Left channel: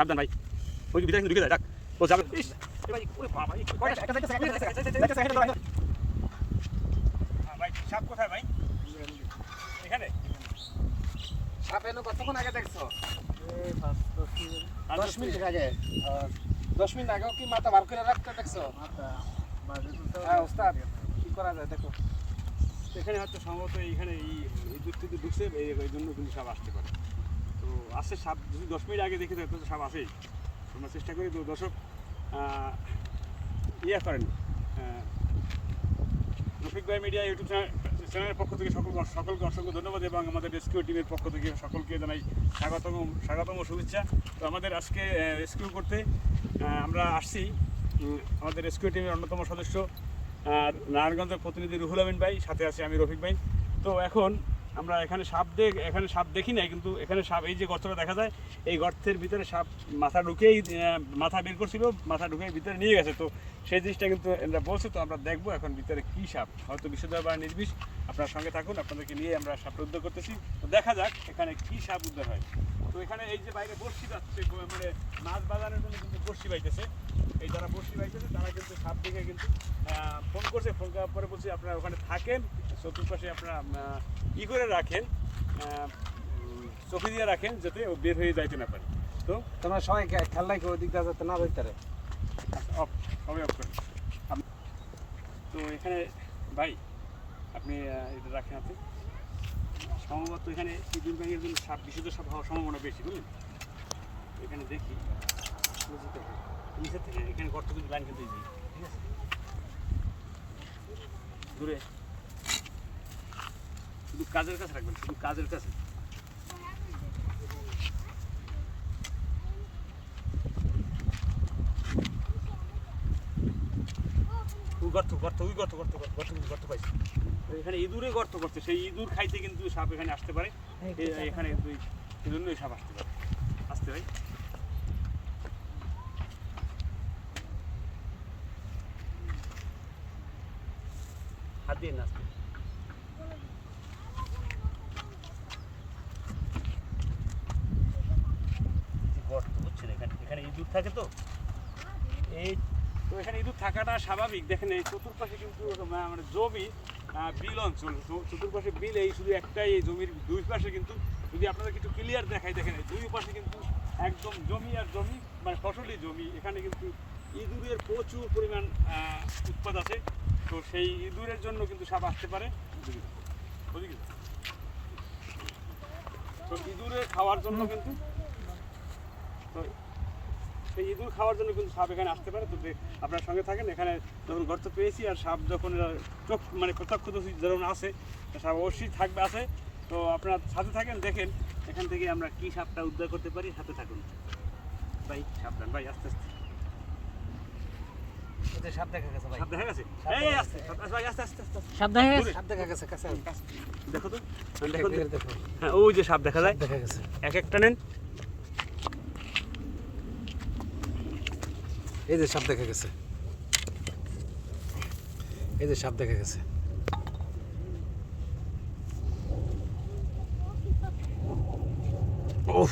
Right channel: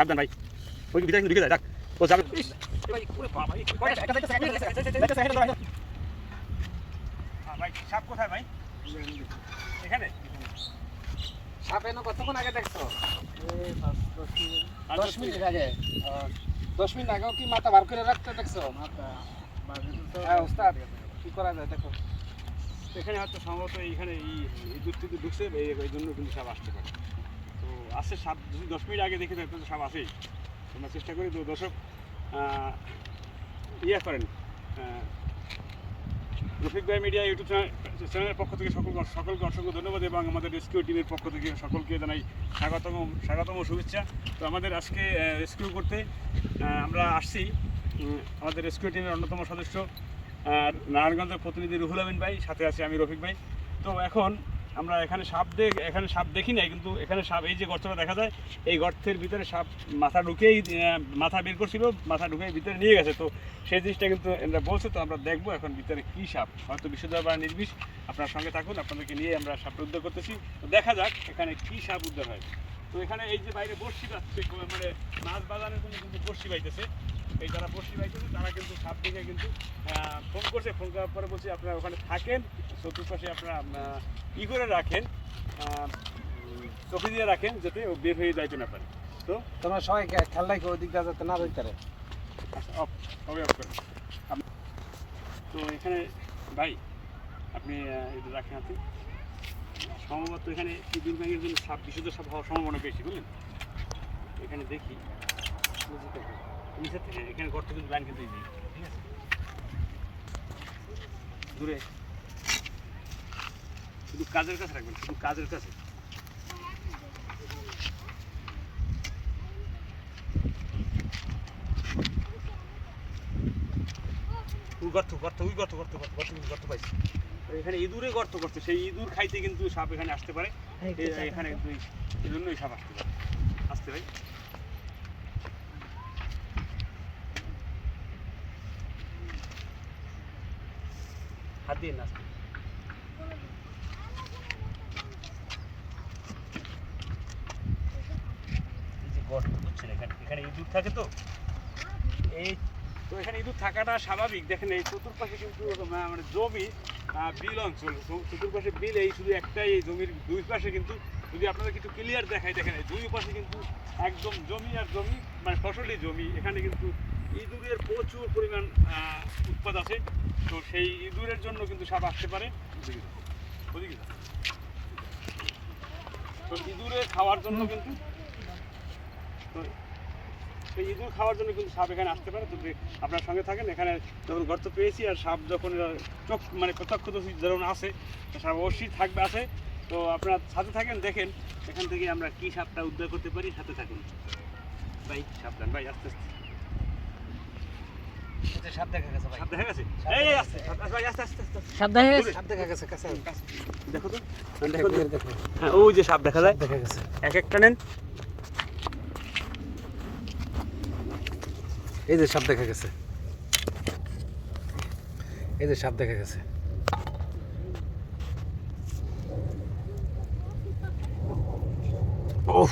সাবধান ভাই। ওই ভিতরে কিন্তু ঢুকে যায় যাক ও যাবে। ভাই, ওরে বাবা, এই কয়টা- ভাই, সাপ কোথায় ভাই? এখানে? সাপ এনে কতক্ষণ আগে দেখছ? দশ মিনিট। আগে। দশ মিনিট আগেও কি মাথা বার করে রাখতে দেখছ? হ্যাঁ ওস্তাদ। কি করা যায় দেখো। এখানে হয়তো সম্ভবত এইখানে এই ইঁদুর টিঁদুর ঢুকছে এই এই জন্য কিন্তু সাপ আসতে পারে। তো আসে সাপ যদি দশ মিনিট আগে দেখে তো সাপ আসেই তোমরা চেষ্টা করি, তো দর্শক ইয়ে করেন। রফিক ভাই মিডিয়া ইউটিউব চ্যানেলের পক্ষ থেকে সকল সকলকে অসংখ্য ধন্যবাদ এবং আমাদের রেস্কিউ টিমের পক্ষ থেকে সকলকে জানাই স্বাগতম স্বাগতম শুভেচ্ছা। তো আমাদের আজকে রেস্কিউ করতে আমরা আসছি আমাদের রেস্কিউ টিমের অন্যতম সদস্য নারায়ণগঞ্জের প্রতিনিধি রুহুল আমিন ভাই, সাথে আছি আমি রফিক ভাই। তো এখন আমরা এখানে সাপ দেখ এখানে সাপ দেখি নাই, কিন্তু এখানে সাপ এই যে গর্তটা দেখা যায়, এই গর্তের ভিতরে সাপ মাথা ঢুকেই মাথা বের করছিল, মাথা ঢুকেই ভিতরে নিয়ে গেছে। তো সেই জিনিসটা কিন্তু এরা বলছে, তো আমরা দেখব এখন ভিতরে কী সাপ। হয়তো বিশুদ্ধ বা নির্বিষ, আপনার সঙ্গে থাকুন, আপনাদেরকে নিয়ে আমরা সাপটা উদ্ধার করতেছি। তো দেখা যাক এখানে কী সাপ উদ্ধার হয়। তো এখানে এই যে বাইরে বর্ষি পাচ্ছে মানে মাছ বাজারের জন্য কিন্তু বর্ষি বাইতেছে। এই যারা বর্ষি বাইতেছে তারা কিন্তু সাপ দেখে কিন্তু ফোন করছে। ফোন করার পরে বলছে আপনারা ওখানে থাকেন চতুর্পাশে আপনারা ই করে রাখেন চোখে দিয়ে রাখেন যাতে ও বের হয়ে যাইতে না পারে। তো তোমরা সবাই খেয়াল রাখো ওই দিকটা যাতে না ধরতে পারে। অফ সবাই অফ করেন। তো এখানে ভাই আপনি এটা রাখেন হাতে। সম্ভবত এখানে ইঁদুর ব্যাঙের জন্য সাপ বিশুদ্ধ সাপ হওয়ার সম্ভাবনা বেশি বুঝলেন? এখানে দেখি। নিচের থেকে এখানে গর্ত কিন্তু ব্যান কিন্তু ইজি ঠিক আছে? দূরে। শুধু কাজের কাছে রাখবেন শুধু কাজের কাছে। গর্ত গর্ত ওই গর্ত গর্ত গর্ত গর্ত কিন্তু গর্ত পাইছি। এখানে ইঁদুরে গর্ত করছে সেই ইঁদুর খাইতে কিন্তু সাপ এখানে আসতে পারে। এখানে কিন্তু এই- এই জন্যই সাপ আসতে পারে। আসতে ভাই হাত দিয়ে না আসতে এই যে গর্ত, বুঝছেন? এখানে ইঁদুর থাকে তো? এই তো এখানে ইঁদুর থাকাটা স্বাভাবিক। দেখেন, এই চতুর্পাশে কিন্তু মানে জমি বিল অঞ্চল। চতুর্পাশে বিল, এই শুধু একটাই এই জমির দুই পাশে কিন্তু যদি আপনাদের কিছু ক্লিয়ার দেখাই, দেখেন দুই পাশে কিন্তু একদম জমি আর জমি মানে ফসলি জমি। এখানে কিন্তু ইঁদুরের প্রচুর পরিমাণ উৎপাদ আছে। তো সেই ইঁদুরের জন্য কিন্তু সাপ আসতে পারে। তো ইঁদুরে খাওয়ার জন্য কিন্তু তো সেই ইঁদুর খাওয়ার জন্য কিন্তু সাপ এখানে আসতে পারে। তো আপনার সঙ্গে থাকেন, এখানে যখন গর্ত পেয়েছি আর সাপ যখন চোখ মানে প্রত্যক্ষদর্শী যখন আসে সাপ অবশ্যই থাকবে আসে তো আপনার সাথে থাকেন, দেখেন, এখান থেকে আমরা কি সাপটা উদ্ধার করতে পারি, সাথে থাকুন। ভাই, সাবধান, ভাই, আস্তে আস্তে। সাপ দেখা গেছে ভাই। সাপ দেখা গেছে? সাপ এই আস্তে আস্তে, আস্তে আস্তে আস্তে আস্তে। সাপ দেখা গেছে? সাপ দেখা গেছে কাছে দেখো তো দেখো। দেখো ওই যে সাপ দেখা যায়। দেখা গেছে। এক একটা নেন। এই যে সাপ দেখা গেছে। এই যে সাপ দেখা গেছে। ওহ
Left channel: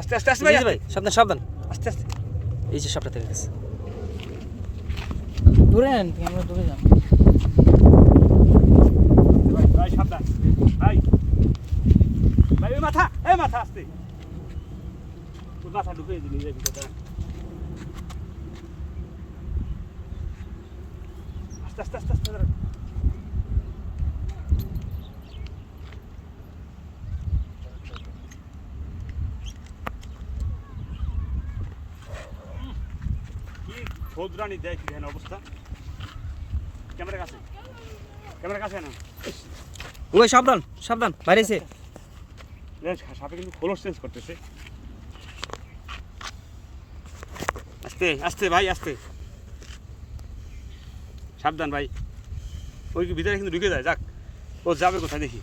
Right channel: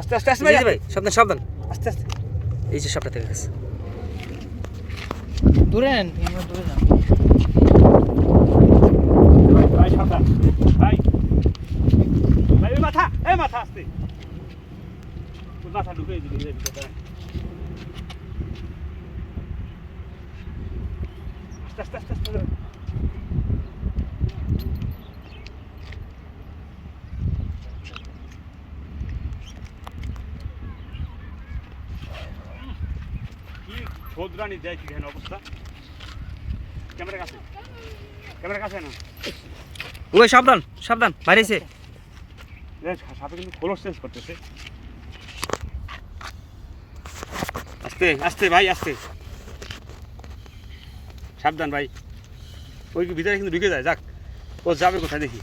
আস্তে আস্তে আস্তে ভাই ভাই সাবধান সাবধান। আস্তে আস্তে। এই যে সাপটা দেখা গেছে। দূরে নেন দূরে যান মাথা এ মাথা আসতে। মাথা ঢুকে দিলি আস্তে আস্তে আস্তে আস্তে। ছোদরানি দেয় কি দেখেন অবস্থা? ক্যামেরা কাছে। ক্যামেরা কাছে না? ওই সাবধান সাবধান বাইরেছে। সাপে কিন্তু খোলস চেঞ্জ করতেছে। আস্তে আস্তে ভাই আস্তে। সাবধান ভাই। ওই ভিতরে কিন্তু ঢুকে যায় যাক। ও যাবে কোথায় দেখি।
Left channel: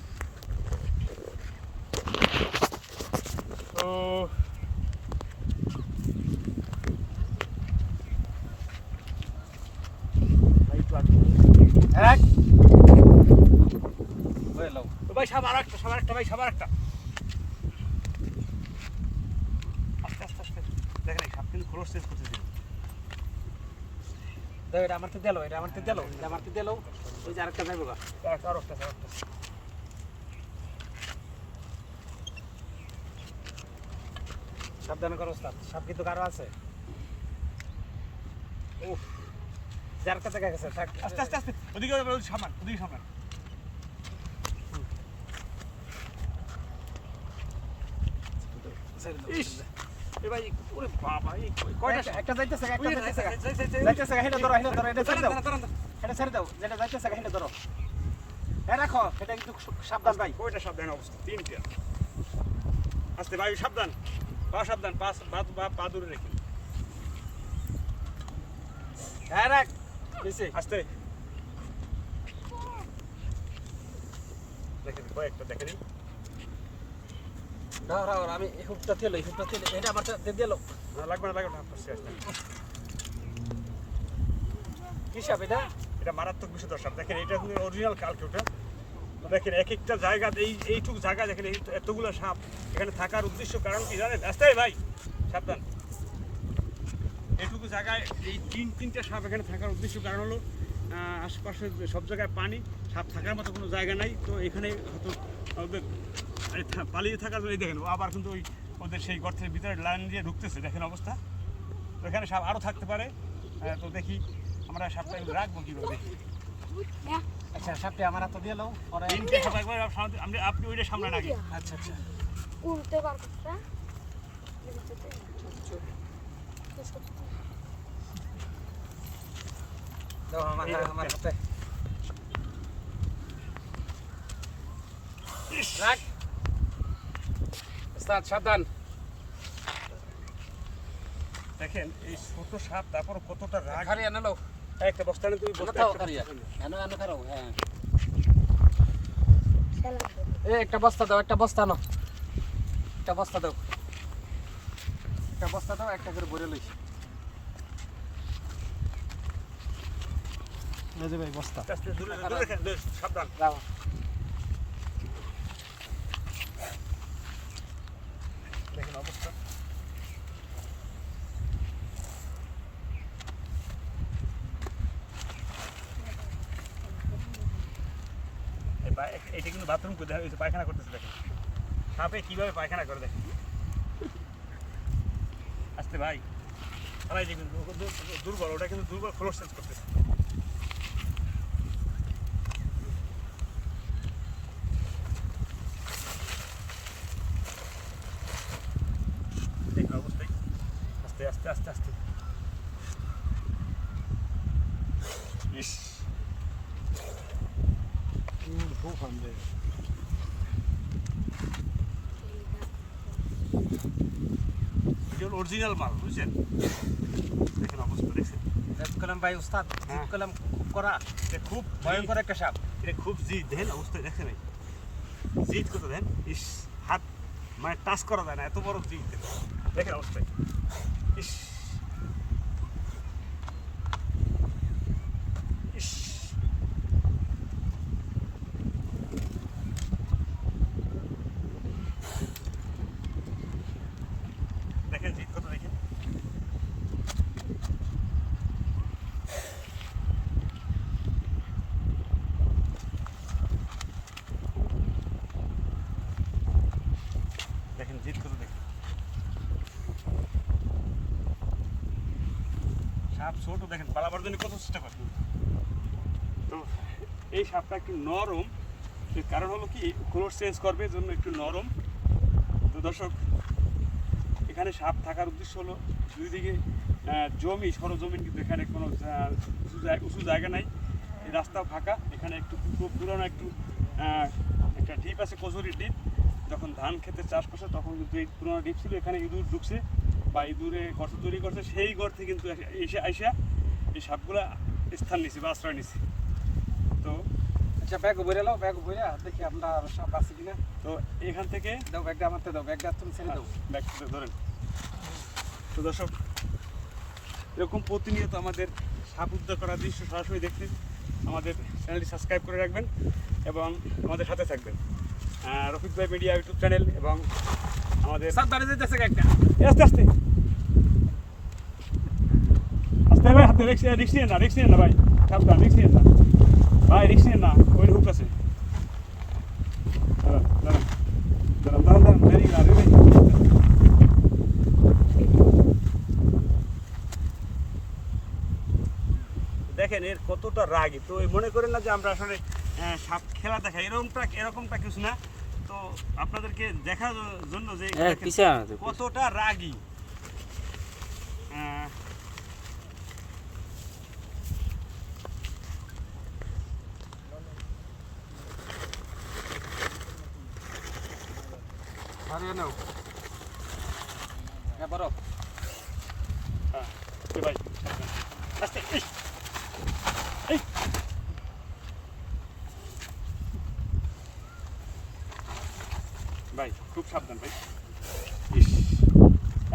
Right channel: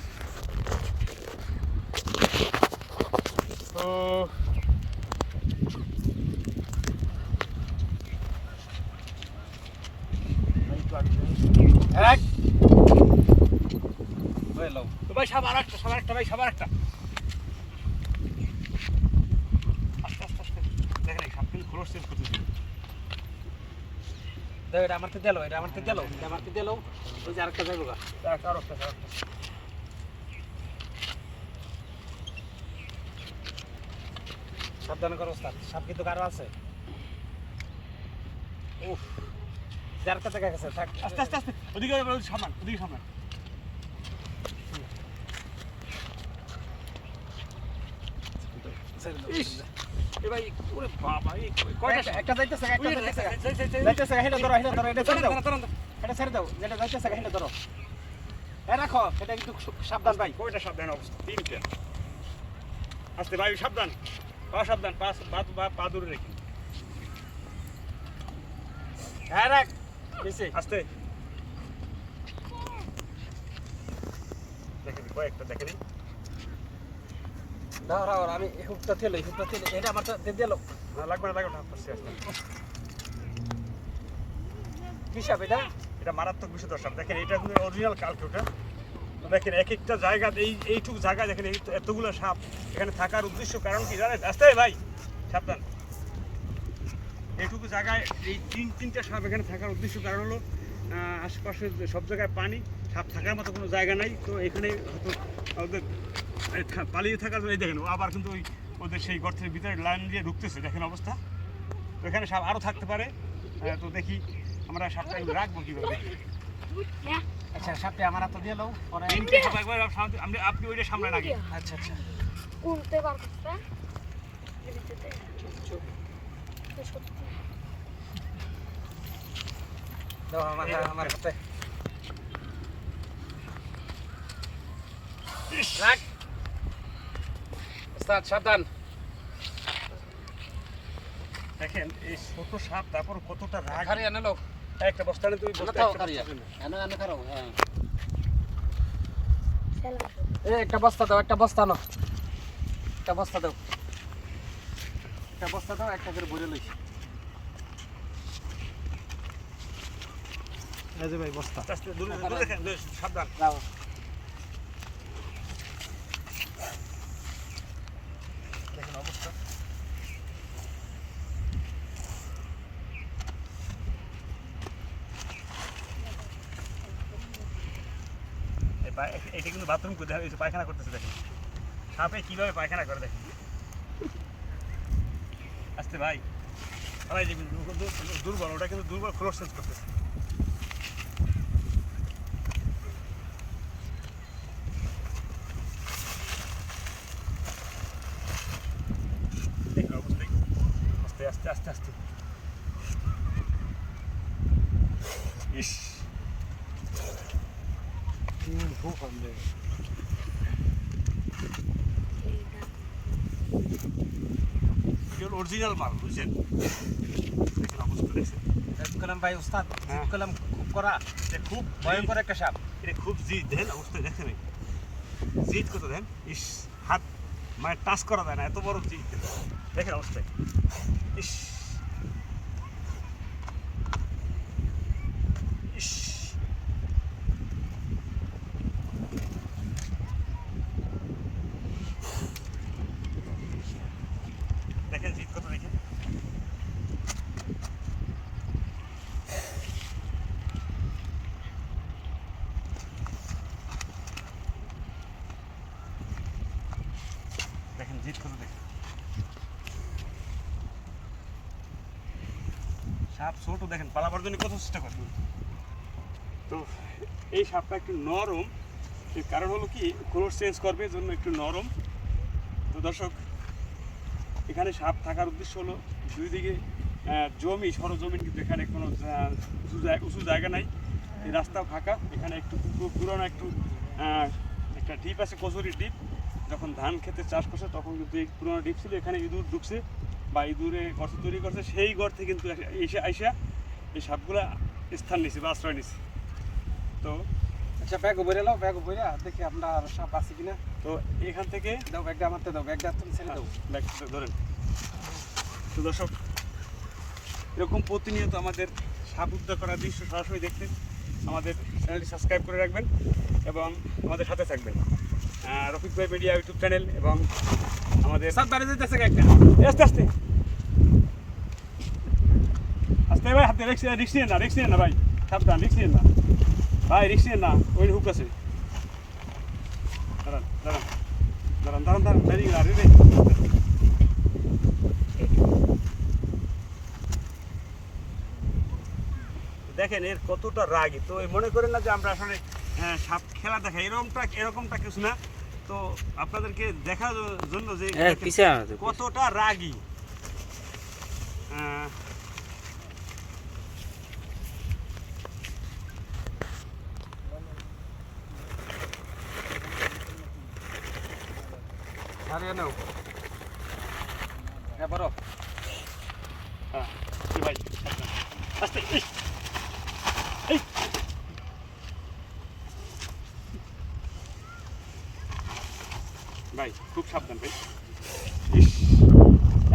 ও ভাই একটু আগে এক ওই লাও তো ভাই সাবার একটা ভাই সাবার একটা। আস্তে আস্তে আস্তে। কিন্তু খোলস চেঞ্জ করতে দিল দাও এটা আমার তো দিলো এটা আমার তো দিলো। এটা আমার তো দিলো। ওই যে আরেকটা যাইবো গা। আরও একটা আরও একটা। সাবধান করো ওস্তাদ। সাপ কিন্তু কারও আছে। উফ। যার কাছে গেছে থাক। আস্তে আস্তে আস্তে। ওদিকে ওদিকে সামান ওদিকে সামান ইস এ ভাই ওরে বাবা এই কয়টা একটা- একটা যাইতেছে একটা ওই, যাইতেছে যাই, যাই, যাই, যাই। যাইতেছে হেলে ধরো হেলে ধরো এটা ছেড়ে দাও দাঁড়ান, দাঁড়ান, দাঁড়ান। এটা ছেড়ে দাও যেটা যাইতেছে হেলে ধরো হ্যাঁ রাখো এটা কিন্তু সাবধান ভাই। কয়টা সাবধান অবস্থা? তিনটা। আস্তে ভাই সাবধান। পা সাবধান পা পা পা- পা দূরে রেখে হ্যাঁ রাখ আস্তে। দেখে দিই কয়েকটা দেখে দিই দাও আমি হুকটা এই হুকটা তেল এটা আমার তো দিলো। লাগবে না লাগবে না কি সাপ এটা? এটা মারাত্মক বিষয় সাপ। দেখেন এটা কিন্তু অরিজিনাল কালকেটা দেখেন এক একটা জায়গা এই এইটুকু জায়গা দেখেন এই এতগুলো সাপ এখানে থাকার উদ্দেশ্য কারণ কি জানেন? আসতে ভাই সাবধান। এইটুকু জায়গায় এই তিন তিনটা সাপ এখানে থাকার উদ্দেশ্য কারণ হলো আশেপাশে সব জায়গায় পানি সাপ থাকার মতো কোনো জায়গা নাই। তো এখানে হয়তো ওদের পালিয়ে থাকার জন্য এই দেখেন আবার কিন্তু ওই ওদের সেই গর্তের ভিতরে লাইন দিয়ে ঢুকতেছে দেখেন অবস্থা। তো এখানে সাপ আরও থাকতে পারে। তো দেখি আমরা সাপটা রাখব কীভাবে আচ্ছা সাপটা আমার হাতে সাপ একবার আপনি ওইটা সামনে রাখেন। আচ্ছা আচ্ছা। উল্টে বার করতে। দাও আমার আমার হাতে। রাখ। ওস্তাদ সাবধান। দেখেন এই ছোট সাপ তারপর কতটা রাগ। আনলো একটা বস্তা তুমি হ্যাঁ। এ একটা বস্তা দাও একটা বস্তা নাও। একটা বস্তা দাও। একটা বস্তা দাও একটা করে ভরে লইছি। যে ভাই বস্তা এটা কিন্তু বাথরুম করে দেখা পায়খানা করতেছে দেখেন সাপে কীভাবে পায়খানা করে দেখেন আস্তে ভাই দুর্বল ওটা কিন্তু দুর্বল ক্লোজ চেঞ্জ করতেছে দেখুন অবস্থায় আস্তে আস্তে। ইস। এটা অরিজিনাল মাল বুঝছেন? দেখেন অবস্থা দেখছেন কলাম ভাই উস্তাদ হ্যাঁ। কলাম খুব করা এটা খুব ভয়ঙ্কর একটা সাপ। এটা খুব জিদ দেখেন অবস্থা দেখছেন এই? জিদ কত দেখেন? ইস হাত মানে টাচ করা যায় না এত বড় জিদ দেখেন অবস্থায় ইস ইস দেখেন জিদ কত দেখেন দেখেন জিদ কত দেখেন সাপ ছোট, দেখেন, পালাবার জন্য কত চেষ্টা করে। তো এই সাপটা একটু নরম। কারণ হলো কি ক্লোজ চেঞ্জ করবে জন্য একটু নরম। তো দর্শক, এখানে সাপ থাকার উদ্দেশ্য হলো, দুই দিকে জমি, সরজমিন, কিন্তু এখানে কোনো উঁচু জায়গা নাই। এই রাস্তাও ফাঁকা। এখানে একটু পুরোনো, একটু একটা ডিপ আছে কচুরি ডিপ। যখন ধান খেতে চাষ করছে, তখন কিন্তু এই পুরোনো ডিপ ছিল, এখানে ইঁদুর ঢুকছে। বা ইঁদুরে গর্ত তৈরি করছে সেই গর্তে কিন্তু এসে আইসা এই সাপগুলা স্থান নিছে বা আশ্রয় নিছে। তো আচ্ছা ব্যাগ ভরে লাও ব্যাগ ভরে দেখি আপনার সাপ আছে কিনা। তো এখান থেকে দাও ব্যাগটা আমার দাও ব্যাগটা তুমি ছেড়ে দাও। ব্যাগ ধরেন। তো দর্শক এরকম প্রতিনিয়ত আমাদের সাপ উদ্ধার করার দৃশ্য সরাসরি দেখতে আমাদের চ্যানেলটি সাবস্ক্রাইব করে রাখবেন এবং আমাদের সাথে থাকবেন। রফিক ভাই মিডিয়া ইউটিউব চ্যানেল এবং আমাদের একটা? আস্তে আস্তে। আস্তে ভাই হাতে রিক্স রিক্স নিয়ে না রিক্স নিয়ে না ভাই। সাবধান রিক্স নিয়ে না। ভাই রিক্স নিয়ে না ওই হুক আছে। দাঁড়ান দাঁড়ান দাঁড়ান দাঁড়ান দাঁড়ান ভেরি গুড আরে ভাই। দেখেন এর কতটা রাগী। তো মনে করেন না যে আমরা আসলে সাপ খেলা দেখাই এরকমটা এরকমটা কিছু না। তো আপনাদেরকে দেখার জন্য যে দেখেন কতটা রাগী। হ্যাঁ বড় হ্যাঁ, ভাই আস্তে এই, এই। ভাই খুব সাবধান ভাই ইস,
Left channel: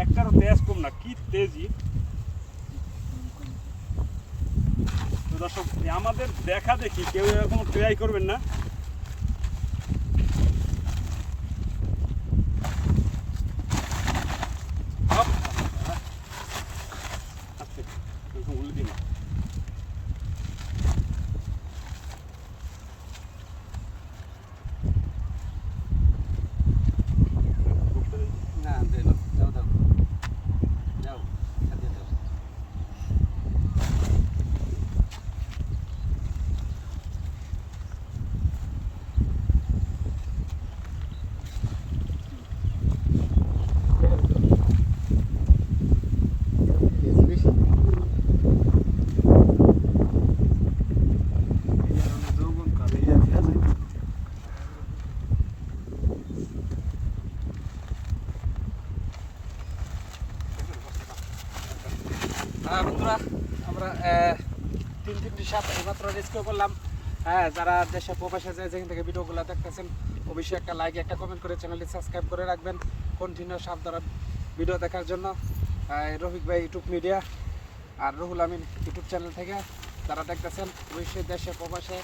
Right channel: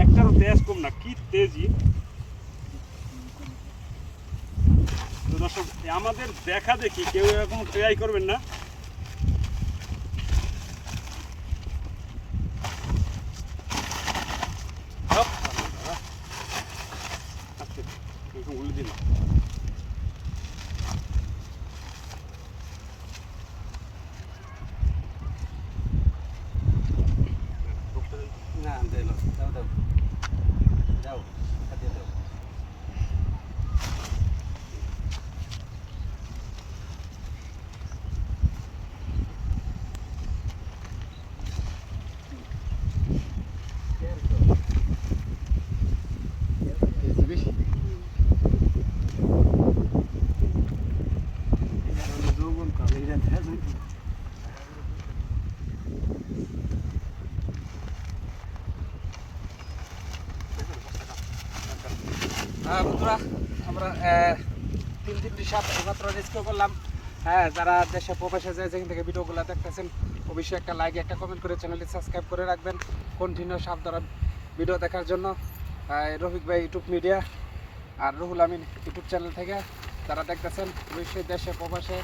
একটারও তেজ কম না কি তেজি। তো দর্শক আমাদের দেখা দেখি কেউ এরকম ট্রাই করবেন না হপ। আস্তে, এরকম উল্টে দিন। না দে না দাও দাও যাও হাতিয়ে দাও হ্যাঁ বন্ধুরা আমরা আহ, তিনটি এইমাত্র রেস্কিউ করলাম। হ্যাঁ যারা দেশে প্রবাসে যায় যেখান থেকে ভিডিওগুলো দেখতেছেন অবশ্যই একটা লাইক একটা কমেন্ট করে চ্যানেলটি সাবস্ক্রাইব করে রাখবেন। কন্টিনিউ সাপ দ্বারা ভিডিও দেখার জন্য। রফিক ভাই ইউটিউব মিডিয়া আর রুহুল আমিন ইউটিউব চ্যানেল থেকে যারা দেখতেছেন অবশ্যই দেশে প্রবাসে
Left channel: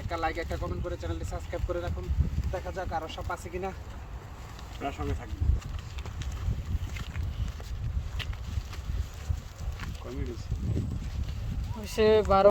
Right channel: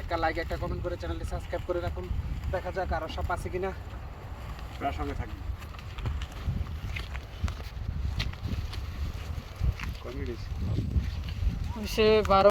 একটা লাইক একটা কমেন্ট করে চ্যানেলটি সাবস্ক্রাইব করে রাখুন। দেখা যাক আরও সাপ আছে কিনা। আপনার সঙ্গে থাকবেন। সে বারো